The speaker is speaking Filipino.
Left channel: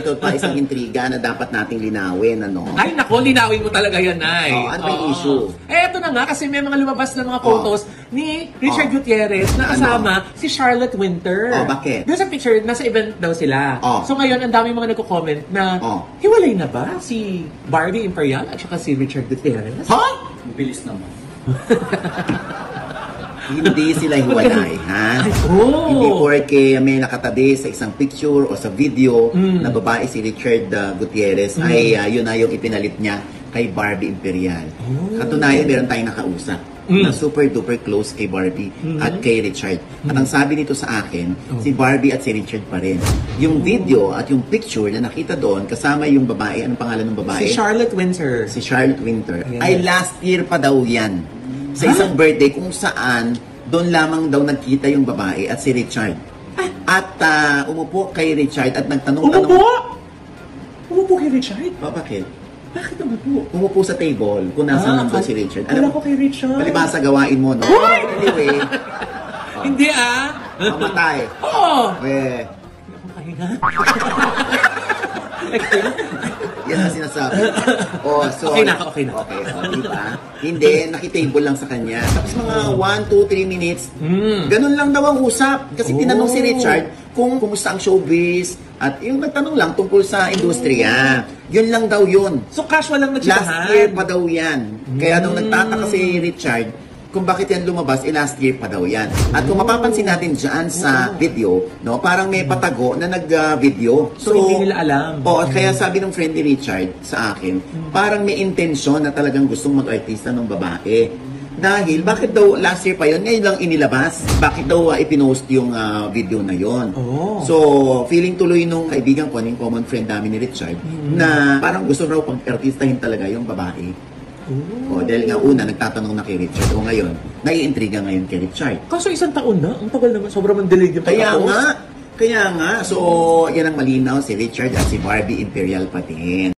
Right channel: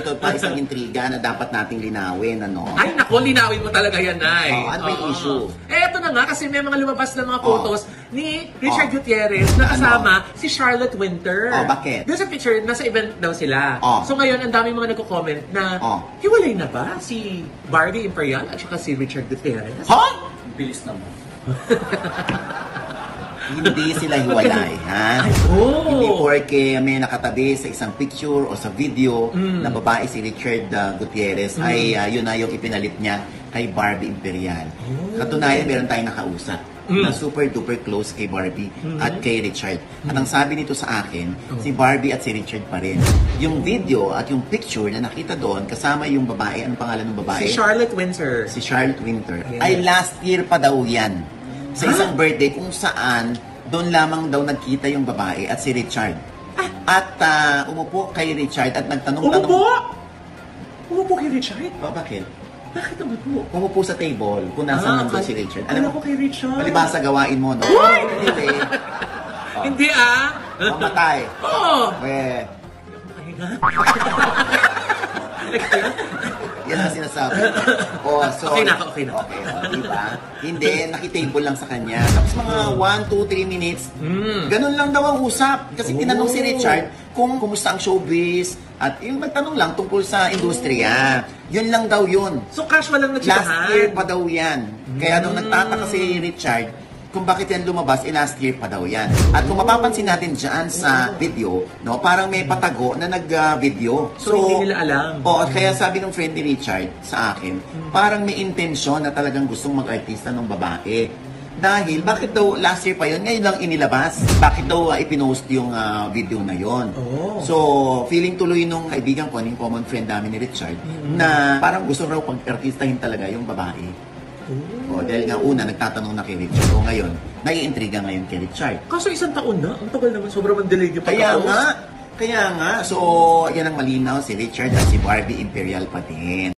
ito pa isang intriga na dapat nating linawin, ano? Ay, naku, linawin mo talaga yan, Nay. Ano ba yung issue? Eto na nga, kasi may mga lumabas na mga photos ni Richard Gutierrez na kasama si Charlotte Winter. Bakit? Doon sa picture, nasa event daw sila. So ngayon, ang dami mga nagko-comment na hiwalay na ba si Barbie Imperial at saka si Richard Gutierrez? Ha? Ang bilis naman. Hindi sila hiwalay, ha? Hindi porke may nakatabi sa isang picture o sa video na babae si Richard Gutierrez ay yun na yung ipinalit niya kay Barbie Imperial. Katunayan, meron tayong nakausap na super duper close kay Barbie at kay Richard. At ang sabi nito sa akin, si Barbie at si Richard pa rin. Yung video at yung picture na nakita doon, kasama yung babae, anong pangalan ng babae? Si Charlotte Winter. Si Charlotte Winter. Ay last year pa daw yan. Sa isang birthday kung saan doon lamang daw nagkita yung babae at si Richard. At umupo kay Richard at nagtanong... Umupo kay Richard? Bakit? Bakit umupo? Umupo sa table kung nasa nandun si Richard. Kala ko kay Richard. Palibasa gawain mo, no? Anyway. Hindi Mamatay. Yan ang sinasabi. Okay na. Diba? Hindi, nakitable lang sa kanya. Tapos mga 1, 2, 3 minutes, ganun lang daw ang usap. Kasi tinanong si Richard kung kumusta ang showbiz at yung nagtanong lang tungkol sa industriya. Yun lang daw yun. So casual lang nagsitahan. Last year pa daw yan. Kaya nung nagtataka si Richard, kung bakit yan lumabas, last year pa daw yan. At kung mapapansin natin dyan sa video, no, parang may patago na nag-video. So, hindi nila alam. Kaya sabi ng friend ni Richard sa akin, parang may intensyon na talagang gustong mag-artista ng babae. Dahil, bakit daw last year pa yun, ngayon lang inilabas? Bakit daw ipinost yung video na yon? So, feeling tuloy nung kaibigan ko, yung common friend namin ni Richard, na parang gusto raw pag-artistahin talaga yung babae. Dahil nga una, nagtatanong na kay Richard. O ngayon, naiintriga ngayon kay Richard. Kaso isang taon na? Ang tagal naman, sobrang delayed yung Kaya nga. So, yan ang malinaw si Richard at si Barbie Imperial pa din.